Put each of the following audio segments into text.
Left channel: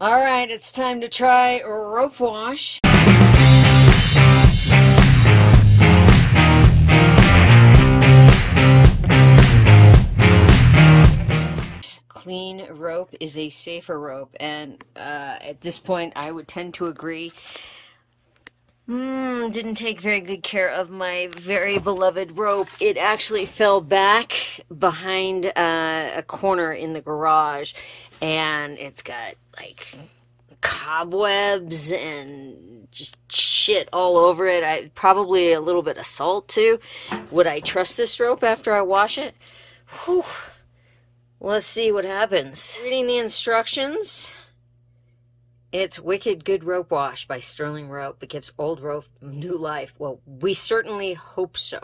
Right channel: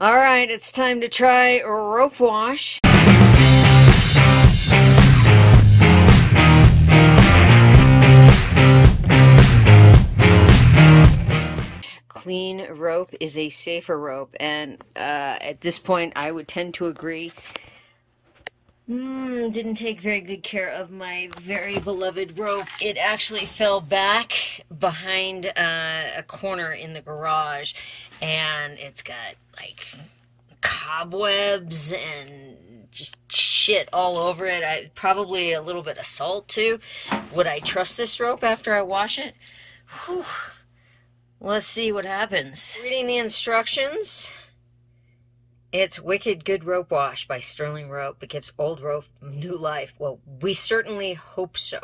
All right, it's time to try RopeWash. Clean rope is a safer rope, and at this point I would tend to agree. Didn't take very good care of my very beloved rope. It actually fell back behind a corner in the garage, and it's got like cobwebs and just shit all over it. Probably a little bit of salt too. Would I trust this rope after I wash it? Whew. Let's see what happens. Reading the instructions. It's Wicked Good Rope Wash by Sterling Rope. It gives old rope new life. Well, we certainly hope so.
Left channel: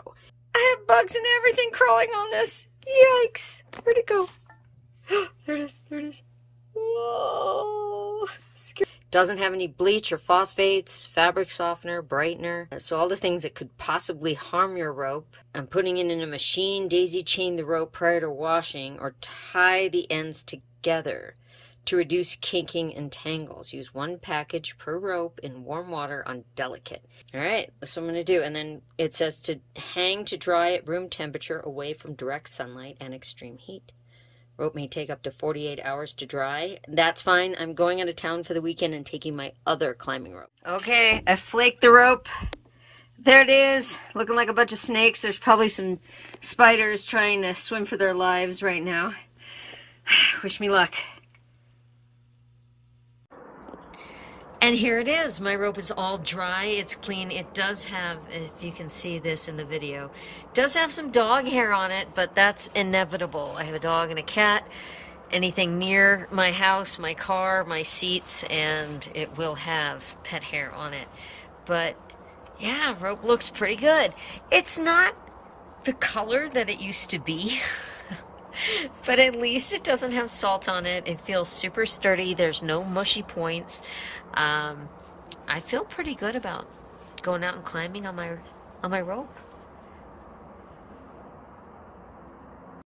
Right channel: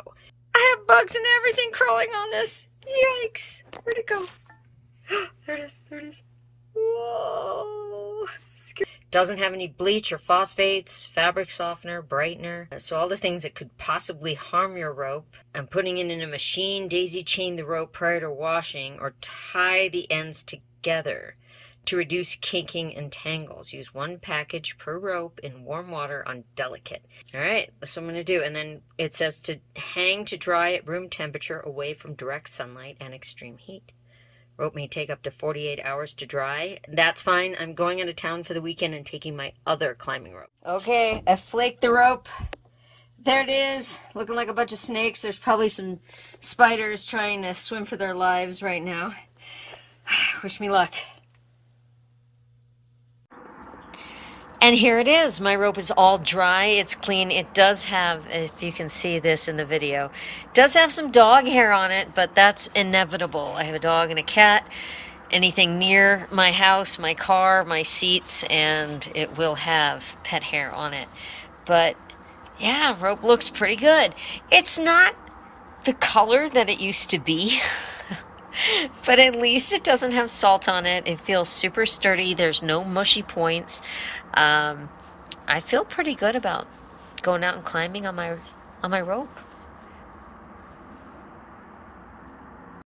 I have bugs and everything crawling on this. Yikes. Where'd it go? There it is. There it is. Whoa. Doesn't have any bleach or phosphates, fabric softener, brightener. So all the things that could possibly harm your rope. I'm putting it in a machine. Daisy chain the rope prior to washing or tie the ends together to reduce kinking and tangles. Use one package per rope in warm water on delicate. All right, that's what I'm going to do. And then it says to hang to dry at room temperature away from direct sunlight and extreme heat. Rope may take up to 48 hours to dry. That's fine. I'm going out of town for the weekend and taking my other climbing rope. Okay, I flaked the rope. There it is, looking like a bunch of snakes. There's probably some spiders trying to swim for their lives right now. Wish me luck. And here it is. My rope is all dry. It's clean. It does have, if you can see this in the video, it does have some dog hair on it, but that's inevitable. I have a dog and a cat. Anything near my house, my car, my seats, and it will have pet hair on it. But yeah, rope looks pretty good. It's not the color that it used to be. But at least it doesn't have salt on it. It feels super sturdy. There's no mushy points. I feel pretty good about going out and climbing on my rope.